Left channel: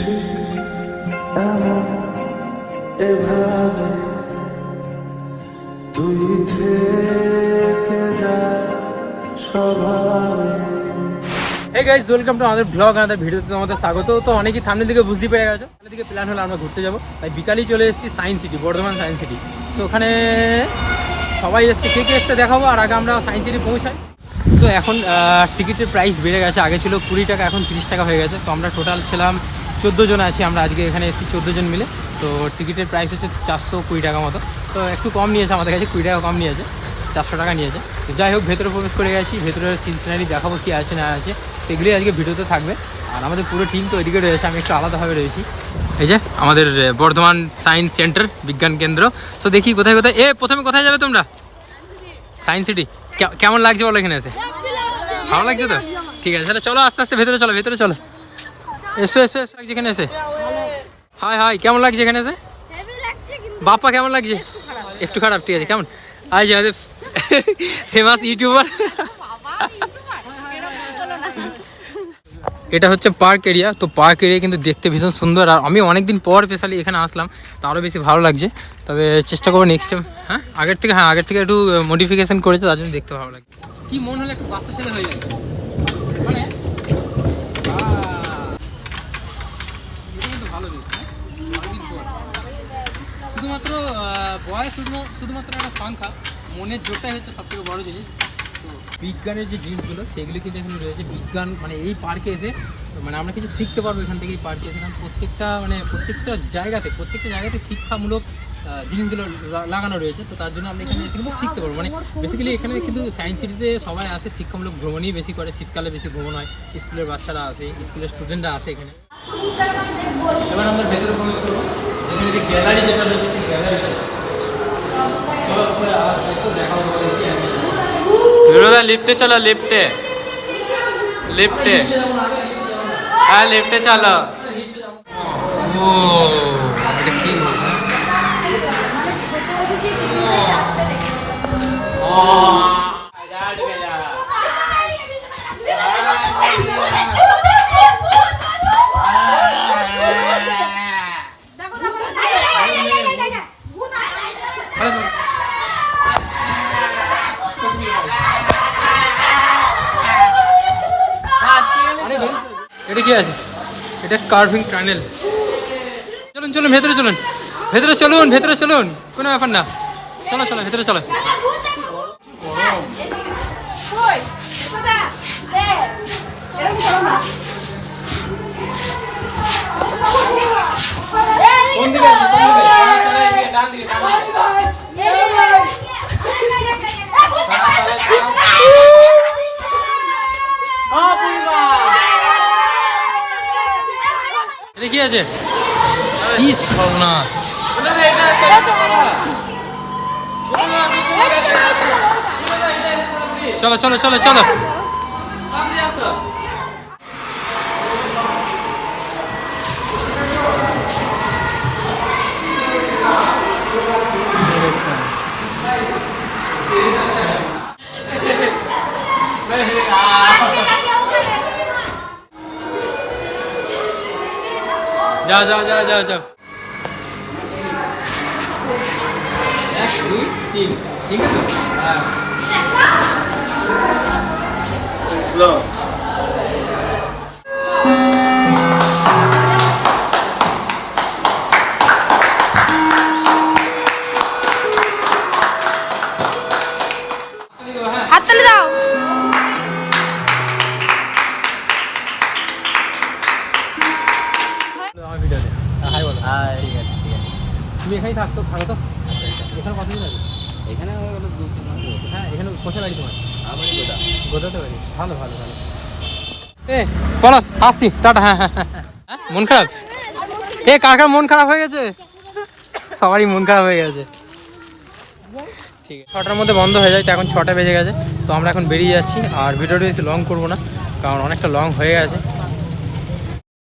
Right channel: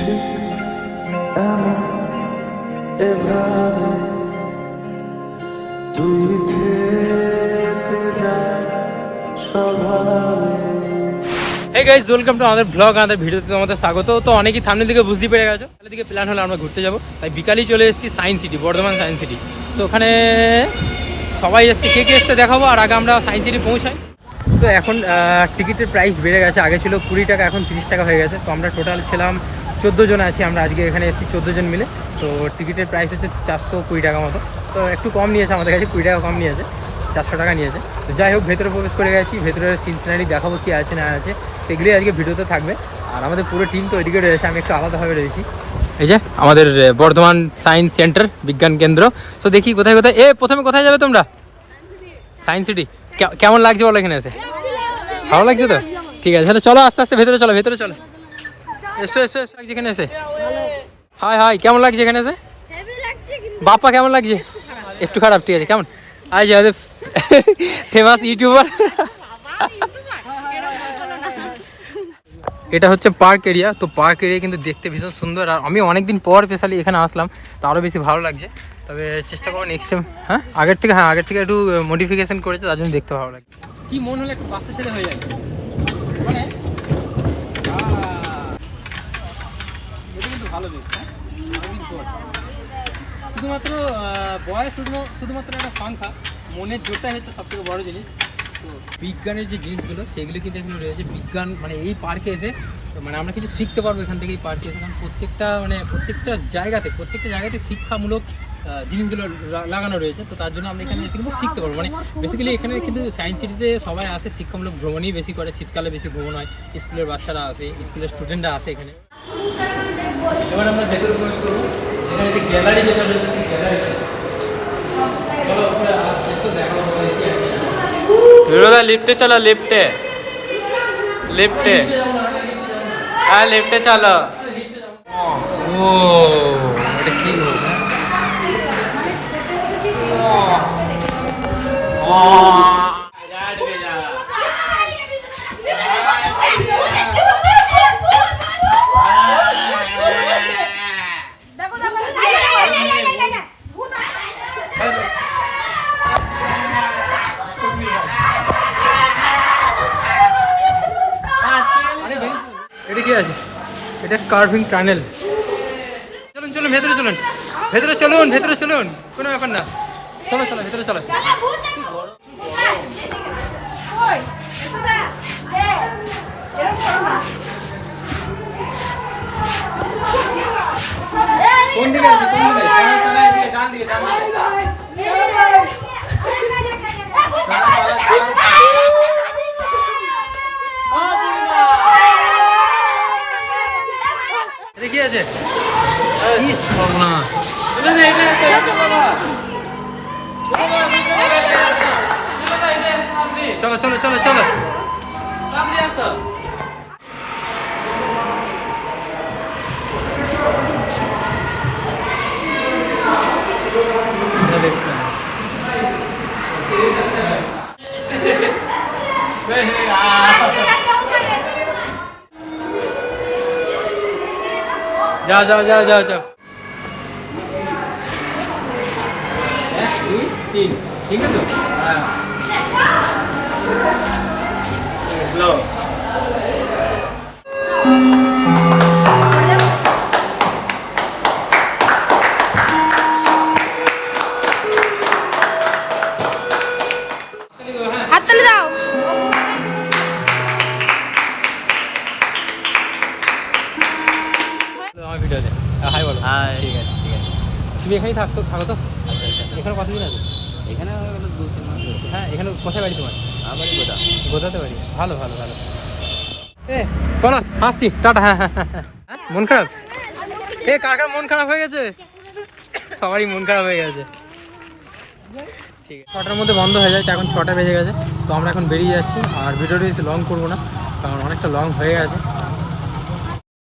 ঠিক এমন এভাবে তুই থেকে যা স্বভাবে। হে গাইজ ওয়েলকাম টু আমাদের ব্লগ আমাদের ভিডিওতে তোমাদের স্বাগত। তো অনেকেই সামনের দিকে বুঝতে পেরে গেছো। তাহলে দিকে প্ল্যান হলো আমরা ঘুরতে যাব। তাই বিকালেই চলে এসেছি science city Bardhaman science city তো ওখানে সবাই এসছে কে কে এসছে দেখাবো, আর আগে আমরা সায়েন্স সিটি পৌঁছাই। তো এখন টিকিটের প্রাইস বেড়ে গেছে। আগে ছিল কুড়ি টাকা, এখন তিরিশ টাকা হয়ে গেছে। তো আমরা টোটাল ছিলাম চোদ্দ জন আছি, আমরা আজকে এখানে এসেছি চোদ্দ জন মিলে। তো টিকিটের প্রাইস হচ্ছে চারশো কুড়ি টাকা মতো। তো একটু কম নিয়েছে আমাদের কাছে, কুড়ি টাকা কম নিয়েছে, চারশো টাকা নিয়েছে। তো যাই হোক, ভেতরে প্রবেশ করে গেছি, ভেতরের সিনসিনারি দেখাবো কী আছে না আছে। এগুলোই আজকে ভিডিওতে থাকবে। আর আমাদের পুরো টিম তো ওইদিকে রয়েছে, আমি একটু আলাদাভাবে রয়েছি। এই যে, আমাদের বর্ধমান সায়েন্স সেন্টার বিজ্ঞান কেন্দ্র। তো দেখি কোথায় কোথায়, এ, প্রথমে কোথায় যাবে তোমরা? সায়েন্স সিটি কেমন লাগছে বলো এখানে এসে? ভালো লাগছে তো? ঠিক আছে, তাহলে চলো আস্তে আস্তে, ভেতরে চলো ভেতরে চলো। এসো এসো এসো এখানে এসে। হাই হাই কেমন লাগছে এখানে এসে? বাপ্পা কেমন লাগছে? একটু খারাপ ঠিক আছে কেমন? আজ আমাদের ফেমাস ইউটিউবার। এটা হচ্ছে পার্ক এরিয়া তো পার্ক এরিয়া কিন্তু দেখতে ভীষণ সুন্দর। আর আমি অনেকদিন পর স্পেশালি এখানে আসলাম তো আরও বেশি ভালো লাগছে। তবে চেষ্টা করব নেক্সট টাইম হ্যাঁ? আগের থেকে হ্যাঁ আগের থেকে একটু মডিফিকেশন করেছে তার জন্য দেখতে ভালো লাগে কি মন হলে একটু বাচ্চা ছেলে হয়ে যায় মানে আহ, এটা কিন্তু ভালো বেশ হ্যাঁ অনেকদিন পর শুধুমাত্র বয়স শুধু, শুধুমাত্র একটা সংখ্যা। মনের জোরটাই হচ্ছে সবথেকে বড় জিনিস। তো বিজ্ঞানের যে জিনিসগুলো, সেগুলো কিন্তু এখানে রয়েছে। বিজ্ঞান মানে এই পার্কে এসে মানে আমরা কিছু শিখতে পারব এখান থেকে এই পার্কে এসে। কারণ প্রত্যেকটা মানে প্রত্যেকটা জায়গাতে প্রত্যেকটা জায়গাতে শিক্ষামূলক জিনিসগুলো লাগানো রয়েছে। তো তার জন্য আমরা এখানে এসে কিন্তু শিখতে পারব। মানে বেসিক্যালি এখানে কিন্তু সায়েন্স সিটিতে সবাই আসে, শিক্ষামূলক ভ্রমণই বেশি করে। শীতকালে বেশি ভ্রমণ হয়। স্কুলের বাচ্চারা আসে, স্কুলের স্টুডেন্টরা আসে এখানে। এবার আমরা ভেতরে প্রবেশ করব। এখানে যে গ্যালারি যেটা রয়েছে সেই গ্যালারিতে চলো উপরে আর এসে দেখাবো তোমাদের কি আছে বিরোধা লিফটে চলো লিফটে লিফটে হ্যাঁ লিফটে চলো ও এটা কি হ্যাঁ এটা কি আছে এটা কার্ভিং টানেল চলুন চলুন ভেতরে চলুন ভেতরে চলুন ভেতরে চলুন কোনো ব্যাপার না চলো চলো ভেতরে চলো কোন দিকে আছে কোন দিকে ডান দিকে, ডান দিকে। এটা কি আছে। কি সর্বনাশ চলো চলো চলো চলো। যাও যাও যাও যাও যাও এক দুই তিন। ঠিক আছে? হ্যাঁ। ব্লো হাততালি দাও। হাই বলো। হাই ঠিক আছে ঠিক আছে। তুমি এখানেই থাকতো থাকো তো। এখানে কতদিন আছে? এখানে। হ্যাঁ এখানে কোথায় বাড়ি তোমার? আবার কোথা গোদাতে পারি ভালো ভালো ভালো। এ পলাশ আসছি টাটা হ্যাঁ হ্যাঁ হ্যাঁ, হ্যাঁ। হ্যাঁ, মন খারাপ? এ কার কার মন খারাপ হয়ে গেছে? সবারই মন খারাপ হয়ে গেছে। ঠিক আছে ছটার মধ্যে বন্ধ হয়ে যায় তো এখন ছটা বেজে গেছে। তো আমরা এখন বেরিয়ে যাচ্ছি আর ভিডিওটা বেশি লং করব না কারণ অনেকটা লং হয়ে গেছে।